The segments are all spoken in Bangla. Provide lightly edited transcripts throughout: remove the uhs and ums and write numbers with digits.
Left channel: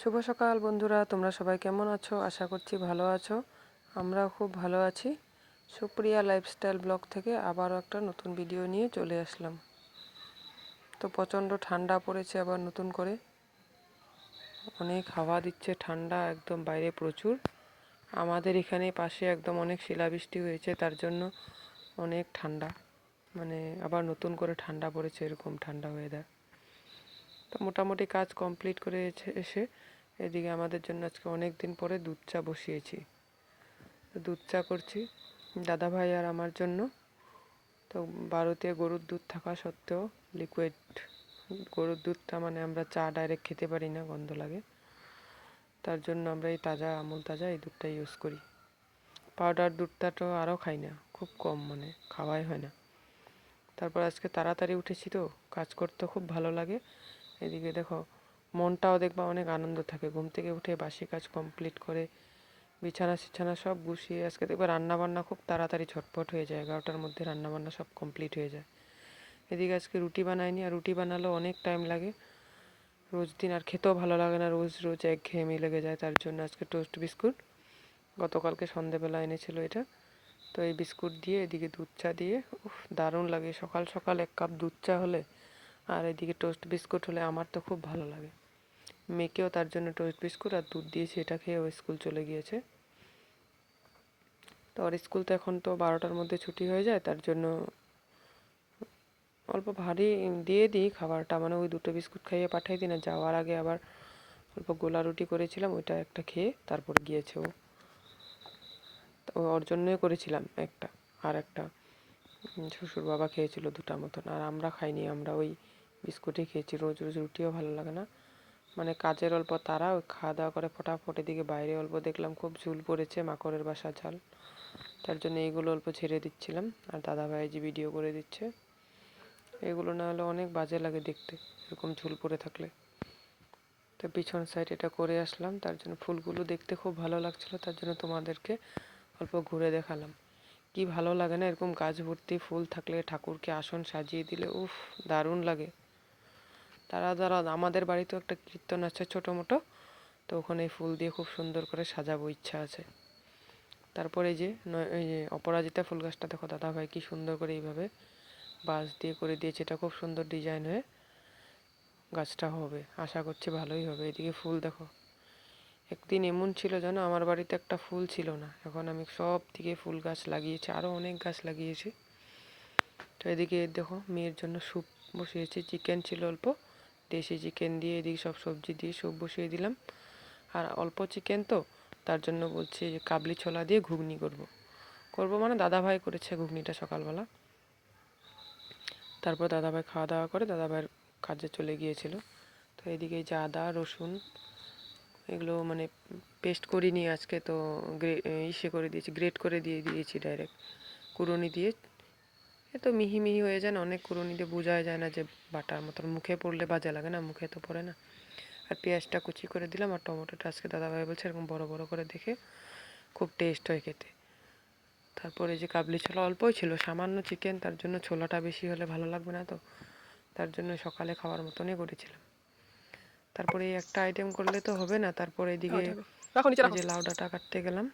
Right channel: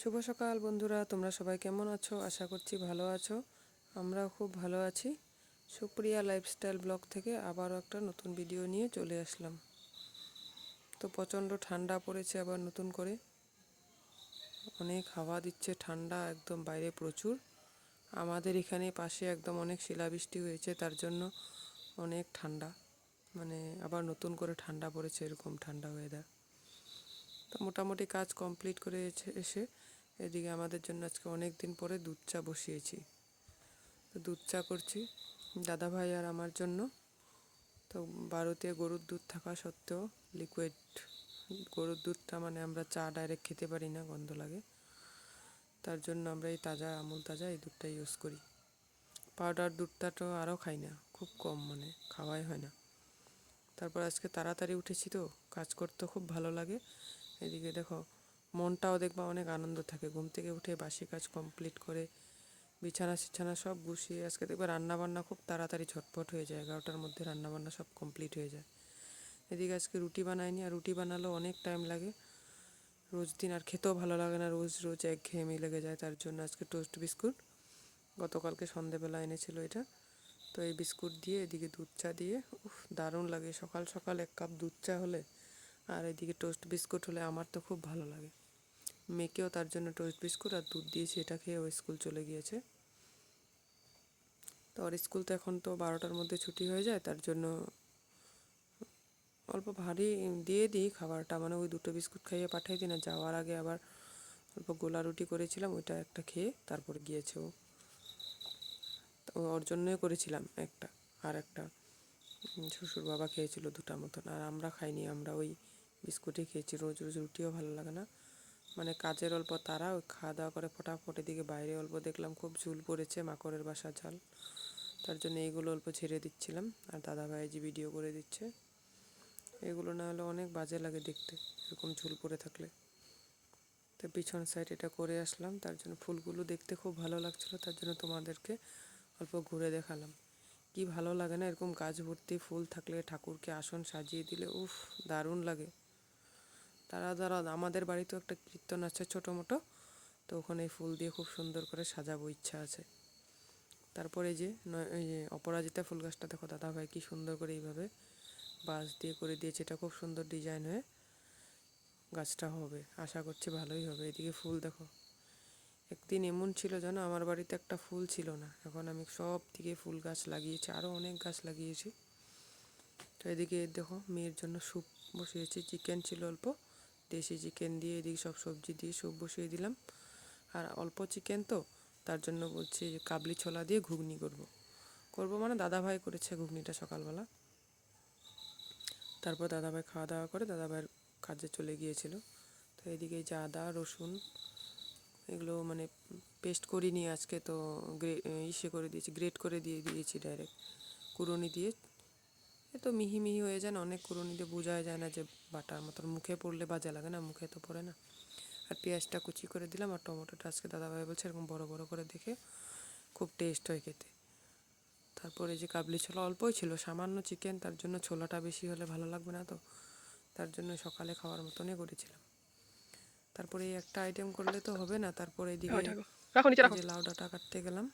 শুভ সকাল বন্ধুরা, তোমরা সবাই কেমন আছো? আশা করছি ভালো আছো। আমরাও খুব ভালো আছি। সুপ্রিয়া লাইফস্টাইল ব্লগ থেকে আবারও একটা নতুন ভিডিও নিয়ে চলে আসলাম। তো প্রচণ্ড ঠান্ডা পড়েছে আবার নতুন করে, অনেক হাওয়া দিচ্ছে, ঠান্ডা একদম, বাইরে প্রচুর। আমাদের এখানে পাশে একদম অনেক শিলাবৃষ্টি হয়েছে, তার জন্য অনেক ঠান্ডা, মানে আবার নতুন করে ঠান্ডা পড়েছে, এরকম ঠান্ডা ওয়েদার। তো মোটামুটি কাজ কমপ্লিট করে এসে এদিকে আমাদের জন্য আজকে অনেক দিন পরে দুধ চা বসিয়েছি। দুধ চা করছি দাদা ভাই আর আমার জন্য। তো বাড়িতে গরুর দুধ থাকা সত্ত্বেও লিকুইড গরুর দুধটা, মানে আমরা চা ডাইরেক্ট খেতে পারি না, গন্ধ লাগে, তার জন্য আমরা এই তাজা আমুল তাজা এই দুধটা ইউজ করি। পাউডার দুধটা তো আরও খাই না, খুব কম, মানে খাওয়াই হয় না। তারপর আজকে তাড়াতাড়ি উঠেছি, তো কাজ করতে খুব ভালো লাগে। এদিকে দেখো, মনটাও দেখবা অনেক আনন্দ থাকে, ঘুম থেকে উঠে বাসি কাজ কমপ্লিট করে বিছানা সব গুছিয়ে আজকে দেখবে রান্নাবান্না খুব তাড়াতাড়ি ঝটপট হয়ে যায়, 11টার মধ্যে রান্নাবান্না সব কমপ্লিট হয়ে যায়। এদিকে আজকে রুটি বানাইনি, আর রুটি বানালেও অনেক টাইম লাগে রোজ দিন, আর খেতেও ভালো লাগে না, রোজ রোজ একঘেয়েমি লেগে যায়। তার জন্য আজকে টোস্ট বিস্কুট, গতকালকে সন্ধেবেলা এনেছিল এটা, তো এই বিস্কুট দিয়ে এদিকে দুধ চা দিয়ে, দারুণ লাগে সকাল সকাল 1 কাপ দুধ চা হলে, আর এদিকে টোস্ট বিস্কুট হলে আমার তো খুব ভালো লাগে। মেয়েকেও তার জন্য টোস্ট বিস্কুট আর দুধ দিয়েছি, এটা খেয়ে ও স্কুল চলে গিয়েছে। তো ওর স্কুল তো এখন তো 12টার মধ্যে ছুটি হয়ে যায়, তার জন্য অল্প ভারী দিয়ে দিই খাবারটা, মানে ওই 2টো বিস্কুট খাইয়ে পাঠিয়ে দিই না, যাওয়ার আগে আবার অল্প গোলা রুটি করেছিলাম, ওইটা একটা খেয়ে তারপর গিয়েছে ও। তো ওর জন্যই করেছিলাম একটা, আর একটা শ্বশুর বাবা খেয়েছিল 2টা মতন, আর আমরা খাইনি, আমরা ওই বিস্কুটই খেয়েছি। রোজ রোজ রুটিও ভালো লাগে না, মানে কাজের অল্প তারা, ওই খাওয়া দাওয়া করে ফটাফট এদিকে বাইরে অল্প দেখলাম খুব ঝুল পড়েছে, মাকড়ের বাসা জাল, তার জন্য এইগুলো অল্প ছেড়ে দিচ্ছিলাম। আর দাদাভাই যে ভিডিও করে দিচ্ছে, এগুলো না হলে অনেক বাজে লাগে দেখতে, এরকম ঝুল পড়ে থাকলে। তো পিছন সাইড এটা করে আসলাম, তার জন্য ফুলগুলো দেখতে খুব ভালো লাগছিলো, তার জন্য তোমাদেরকে অল্প ঘুরে দেখালাম। কি ভালো লাগে না এরকম গাছ ভর্তি ফুল থাকলে, ঠাকুরকে আসন সাজিয়ে দিলে উফ, দারুণ লাগে। তারা আমাদের বাড়িতেও একটা কীর্তন আছে ছোটো মোটো, তো ওখানে ফুল দিয়ে খুব সুন্দর করে সাজাবো, ইচ্ছা আছে। তারপরে এই যে অপরাজিতা ফুল গাছটা দেখো, দাদাভাই কি সুন্দর করে এইভাবে বাঁশ দিয়ে করে দিয়েছে, এটা খুব সুন্দর ডিজাইন হয়ে গাছটা হবে, আশা করছি ভালোই হবে। এদিকে ফুল দেখো, একদিন এমন ছিল যেন আমার বাড়িতে একটা ফুল ছিল না, এখন আমি সব দিকে ফুল গাছ লাগিয়েছি, আরও অনেক গাছ লাগিয়েছি। তো এদিকে দেখো মেয়ের জন্য স্যুপ বসিয়েছি, চিকেন ছিল অল্প, দেশি চিকেন দিয়ে এদিকে সব সবজি দিয়ে স্যুপ বসিয়ে দিলাম। আর অল্প চিকেন তো, তার জন্য বলছি যে কাবলি ছোলা দিয়ে ঘুগনি করবো, মানে দাদাভাই করেছে ঘুগনিটা সকালবেলা। তারপর দাদাভাই খাওয়া দাওয়া করে দাদাভাইয়ের কাজে চলে গিয়েছিল। তো এদিকে যে আদা রসুন এগুলো মানে পেস্ট করিনি আজকে, তো ইসে করে দিয়েছি, গ্রেট করে দিয়েছি ডাইরেক্ট কুড়ুনি দিয়ে। এ তো মিহি মিহি হয়ে যায় না, অনেক কুড়ুনি দিয়ে বোঝা যায় না যে বাটার মতন, মুখে পড়লে বাজে লাগে না, মুখে তো পড়ে না। আর পেঁয়াজটা কুচি করে দিলাম, আর টমেটোটা আজকে দাদাভাই বলছে এরকম বড় বড় করে দেখে খুব টেস্ট হয় খেতে। তারপরে যে কাবলি ছোলা অল্পই ছিল, সামান্য চিকেন, তার জন্য ছোলাটা বেশি হলে ভালো লাগবে না, তো তার জন্য সকালে খাওয়ার মতনই করেছিলাম। তারপরে এই একটা আইটেম করলে তো হবে না, তারপরে এদিকে এই যে লাউ ডাঁটা কাটতে গেলাম,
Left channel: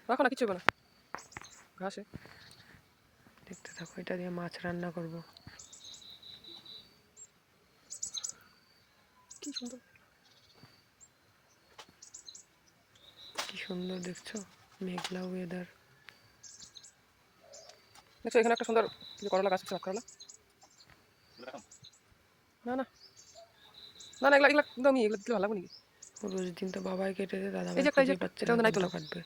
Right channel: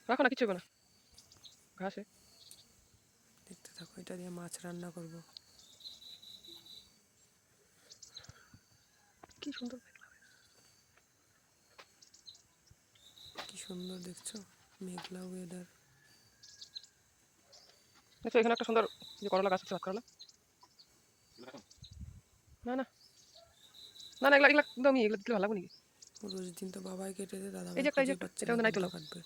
দেখতে থাকো, এটা দিয়ে মাছ রান্না করব। কি সুন্দর দেখছো, মেঘলা ওয়েদার। দেখছো এখানে একটা সুন্দর করলা গাছ আছে, করলা না না না না, এগুলা এগুলা একদমই, এগুলো দিলে ভালো লাগবে নাকি? রোজ দিন তো বাবাই কেটে দেয়, দাদাভাই খুঁজে পাচ্ছে না কোনটা কাটবে।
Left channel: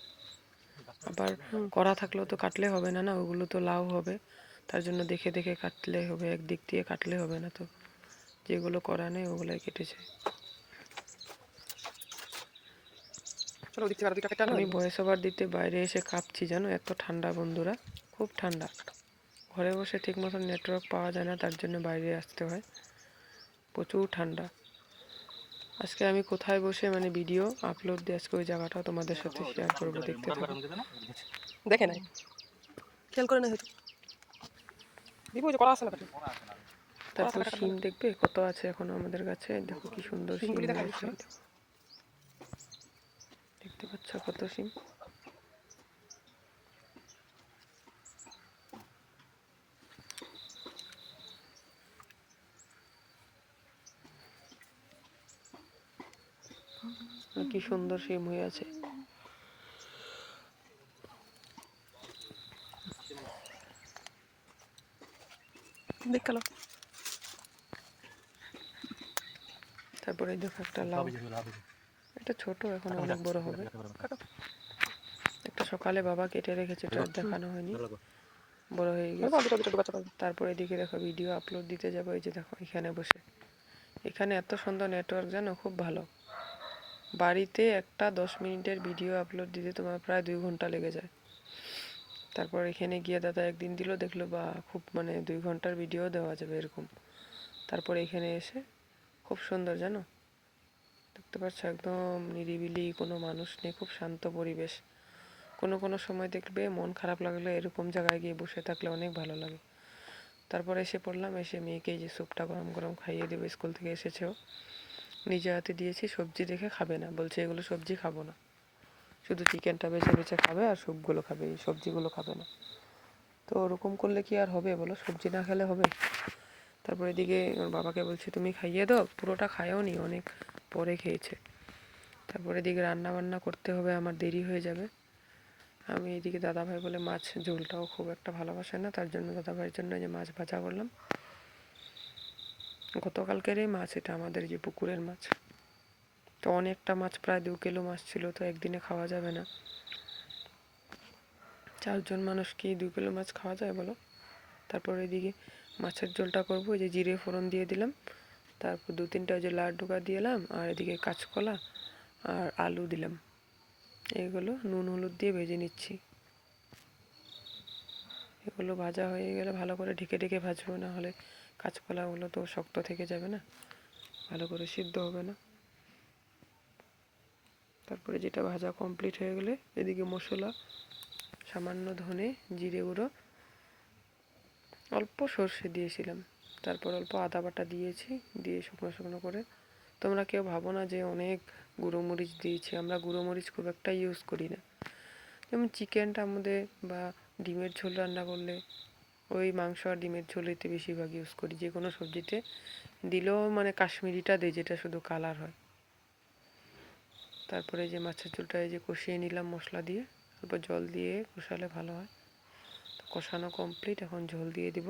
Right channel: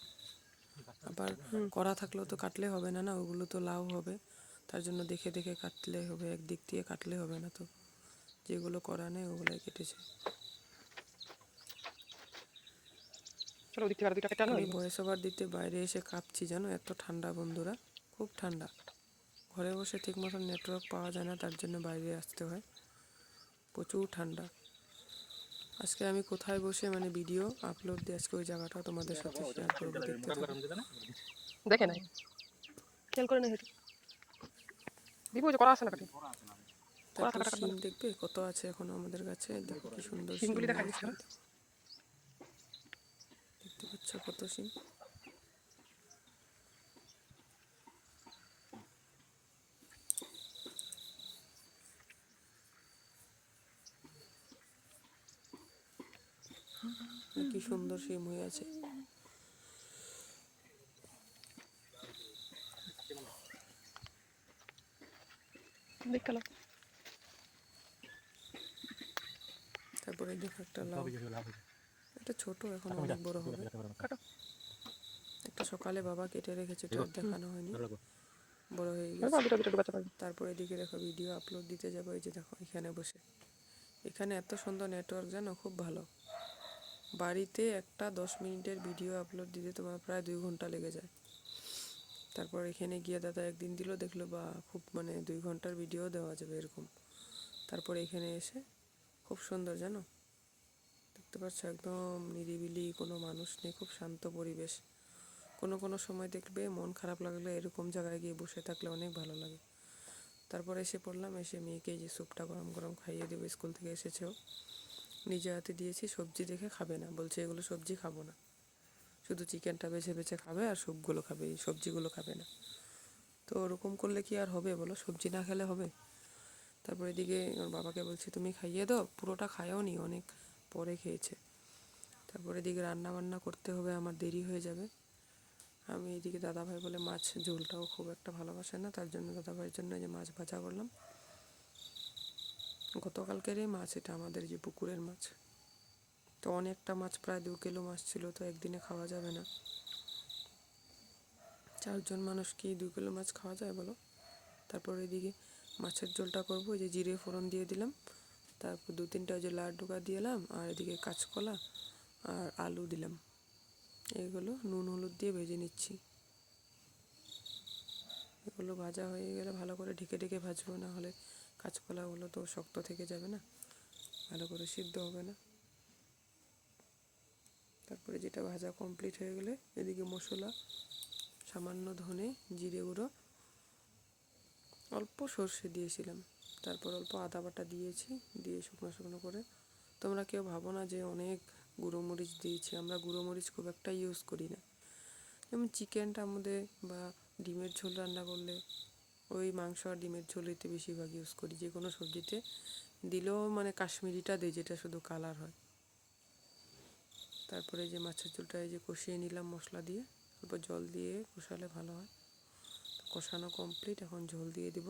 আবার করা থাকলেও তো কাটলে হবে না, না ওগুলো তো লাউ হবে, তার জন্য দেখে দেখে কাটলে হবে, একদিক দিয়ে কাটলে হবে না, তো যেগুলো করা নেই ওগুলোই কেটেছে। আমি ভয়েস ওভার দিতে বাইরে এসে কাঁপছি জানো, এত ঠান্ডা বন্ধুরা, খুব ঠান্ডা। ঘরে বসে ঠিক মতন নেটওয়ার্ক পাওয়া যায় না, তার জন্য বাইরে আসতে হয়, প্রচুর ঠান্ডা। আজকে আমি কোথায় বসে মানে ভিডিও আপলোড দিয়ে আজকে ওই জায়গাটাও তোমাদের সাথে শেয়ার করবো, দেখতে থাকো। দেখে নাই, খেয়াল করে না হয়তো, দিব যে করা আছে না। তারপর শিম দেখবে কত আছে এখনো আমাদের কাছে, দেখো কি সুন্দর শিম হয়েছে। আচ্ছা কত সিম। কি সুন্দর সিম হয়ে আছে। দেখ কালো। তারপরে দেখো একটা লাউ, এটা ছোট, এখন অনেক বড় হবে। একটা সকালে বাবা কেটে রেখেছে, এটা আর দেখানো হয়নি, বড় হয়ে গেছে। তারপরে এদিকে দেখো ভিডিও আপলোড দিতে যাবো, এই যে দেখো এখানে বসে। এখানে এত সুন্দর নেটওয়ার্ক জানো, খুব ভালো। বাড়িতে একটা 10 মিনিটের ভিডিও আপলোড দিতে তোমার প্রায় 2 ঘন্টা লেগে যায়। তারপর এখানে গিয়ে দাদা একদিন দিল, দেখলো বা খুব মানে 2 ঘন্টার ভিডিও দেওয়া যাবে এরকম। তারপর এখানে এসে খুব সুন্দর জানো, দেখতে পাচ্ছ একদম নিরিবিলি, কোনো মানুষ নেই, খুব শান্ত পরিবেশ। কোনো কোনো সময় দেখবে মন খারাপ লাগলে এরকম জায়গায় গিয়ে বসে থাকলে অনেক ভালো লাগে। তারপর এসে পড়লাম, এসে মেয়েকে যে স্যুপটা গরম গরম খাইয়ে দেবো, স্কুল থেকে এসেছেও, নিজে হাতে দিয়েছি। সবজি দেখে খাবে না, বলছে এগুলো সবজি খাবো না, শুধু চিকেনটা বেছে বেছে খাবে আর স্যুপগুলো খাবে, এই সবজিগুলো খাবে না। তো ওরকম করলে কি আর হবে বলো, সবজি না খেলে হবে? তারপর এদিকে ওর বাবাকে বলছি তুমি খাইয়ে দাও, পুরোটা খায়ও নি, অনেক পরে খেয়েছে। তারপরে এদিকে রান্না বান্না করতে হবে, আমার দেরি হয়ে যাবে। আমি এদিকে দাদাভাই বলে মাছ ঝোলটাও খুব একটা ভালোবাসে না, তার জন্য দাদাভাইয়ের জন্য যে মাছ ভাজা করলাম। গতকালকেরই মাছ, এটা আমাদের যে পুকুরের মাছ। তো অনেকটা মাছ, প্রায় 2 কিলো মাছ ছিল, তো একদিনে খাওয়া যাবে না। 4 জন মানুষ কি 2 কিলো মাছ খাওয়া যায় বলো? তারপর এদিকে মাছের ঝোলটা করবো, ওই যে জিরে ফোড়ন দিয়ে দিলাম, তারপর 2-3টা ওই যে লাউ ডোকা দিলাম, আর এদিকে কাঁচকলা আর আলু দিলাম। এগুলো নুন হলুদ দিয়ে ভেজে নিচ্ছি। এগুলো ভাজা হয়ে গেলে ভালো করে ঢেকে ঢেকে ভাজবো, না হলে কাঁচকলাগুলো তো শক্ত থেকে যাবে না, ভালো করে সিদ্ধ হবে না। তারপরে যেটা ভাজা কমপ্লিট হয়ে গেলে এদিকে মশলা, সামান্য ধনে জিরে গুঁড়ো, অল্প সর্ষে দিয়েছিলাম, তারপর অল্প আদা বাটা দিয়েছি, দিয়ে শুকনো শুকনো করে। তোমরা কেউ ভাবো না যে অনেক গুঁড়ো মরিচ দিয়েছি, আমরা গুঁড়ো মরিচ খুব একটা ইউজ করি না। যেমন চিকেনটার মধ্যে বা ডিমের ঝোল রান্না করলে ওই মাংস আর ডিমের ঝোলেতে বেশিরভাগ ইউজ করি, যে কোনো সবজিতে দিলেও মানে কাশ্মীরিটা দিই, যেটা শুধু কালার হয়। তারপরে যে মাছের ঝোলটা এই যে কষিয়ে নিলাম মশলা দিয়ে, অল্প জল দিয়ে কষালে ভালো হয়। তো কষানো কমপ্লিট, এখন ঝোল দিয়ে দিব।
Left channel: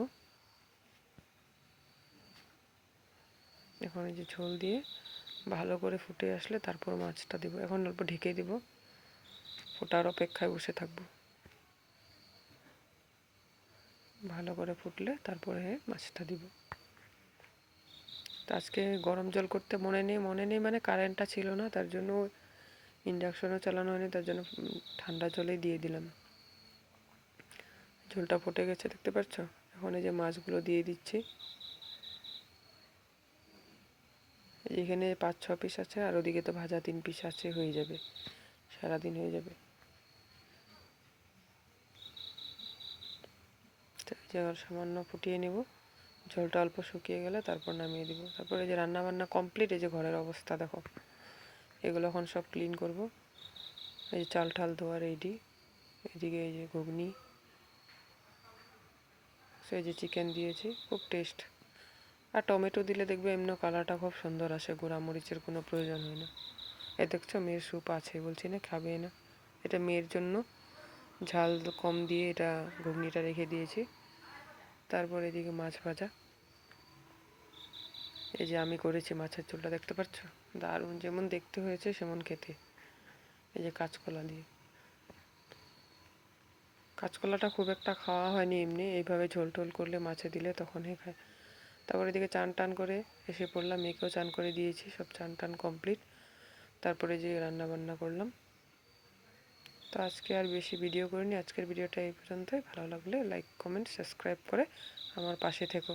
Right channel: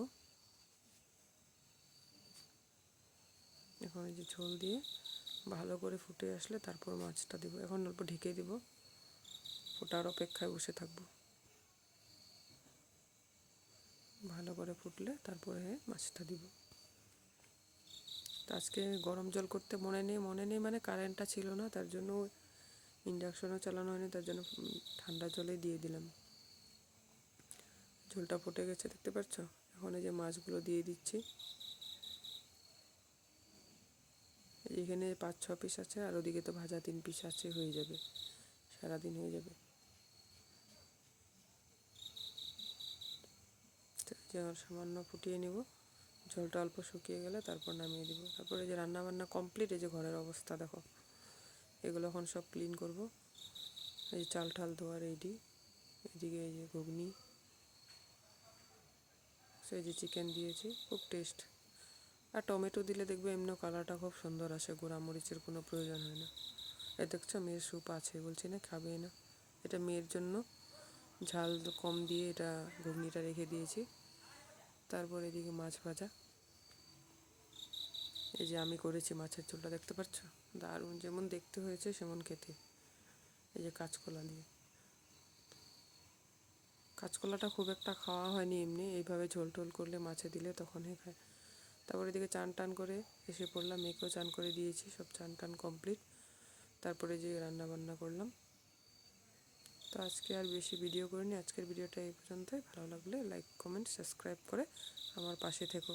এখন এই যে ঝোল দিয়ে ভালো করে ফুটে আসলে তারপর মাছটা দিব। এখন অল্প ঢেকে দিব, ফোটার অপেক্ষায় বসে থাকবো। ভালো করে ফুটলে তারপরে মাছটা দিব। তো আজকে গরম জল করতে মনে নেই মানে কারেন্টটা ছিল না, তার জন্য ইন্ডাকশনও চালানো হয়নি, তার জন্য ঠান্ডা জলেই দিয়ে দিলাম। ঝোলটা ফুটে গেছে দেখতে পাচ্ছ। এখন এই যে মাছগুলো দিয়ে দিচ্ছি। এখানে 5-6 পিস আছে, আর ওদিকে তো ভাজা 3 পিস আছে, হয়ে যাবে, সারাদিন হয়ে যাবে। সামান্য ফুটিয়ে নেব, ঝোলটা অল্প শুকিয়ে গেলে তারপর নামিয়ে দিব। তারপরে যে রান্না বান্না কমপ্লিট, এই যে ঘরের অবস্থা দেখো, এগুলো এখন সব ক্লিন করব। এই যে চাল ঠাল ধোয়া রেডি, এদিকে এই যে ঘুগনি, সেই যে চিকেন দিয়েছি, খুব টেস্ট। আর টমেটো দিলে দেখবে এমনি কালারটা খুব সুন্দর আসে, গুঁড়া মরিচের কোনো প্রয়োজন হয় না। এ দেখছো মেয়ের স্যুপ আছে, বলছি না খাবে না, এটা মেয়ের জন্য ঝাল কম দিয়ে এটা ঘুগনিটা রেখে দিয়েছি। তারপর এদিকে মাছ ভাজা, এই যে আমি করেছি মাছের ঝোলটা দেখতে পাচ্ছ, দারুণ, যেমন দেখতে হয়েছে সেমন খেতে। এই যে কাঁচকলা দিয়ে, কাঁচকলাটা খুব একটা খাওয়া হয়নি, এমনি এইভাবে ঝোল টোল করলে মাছে দিলে তখনই খায়। তারপর এদিকে চান টান করে এসে পড়লাম, মেয়েকেও চান করে দিয়েছি, সব চান টান কমপ্লিট। তারপরে যে রান্না বান্না করলাম। তো আজকে আর বেশি ভিডিও করিনি, আজকের ভিডিওটা এই পর্যন্তই। ভালো লাগলে লাইক কমেন্ট সাবস্ক্রাইব করে আমার পাশে থেকো।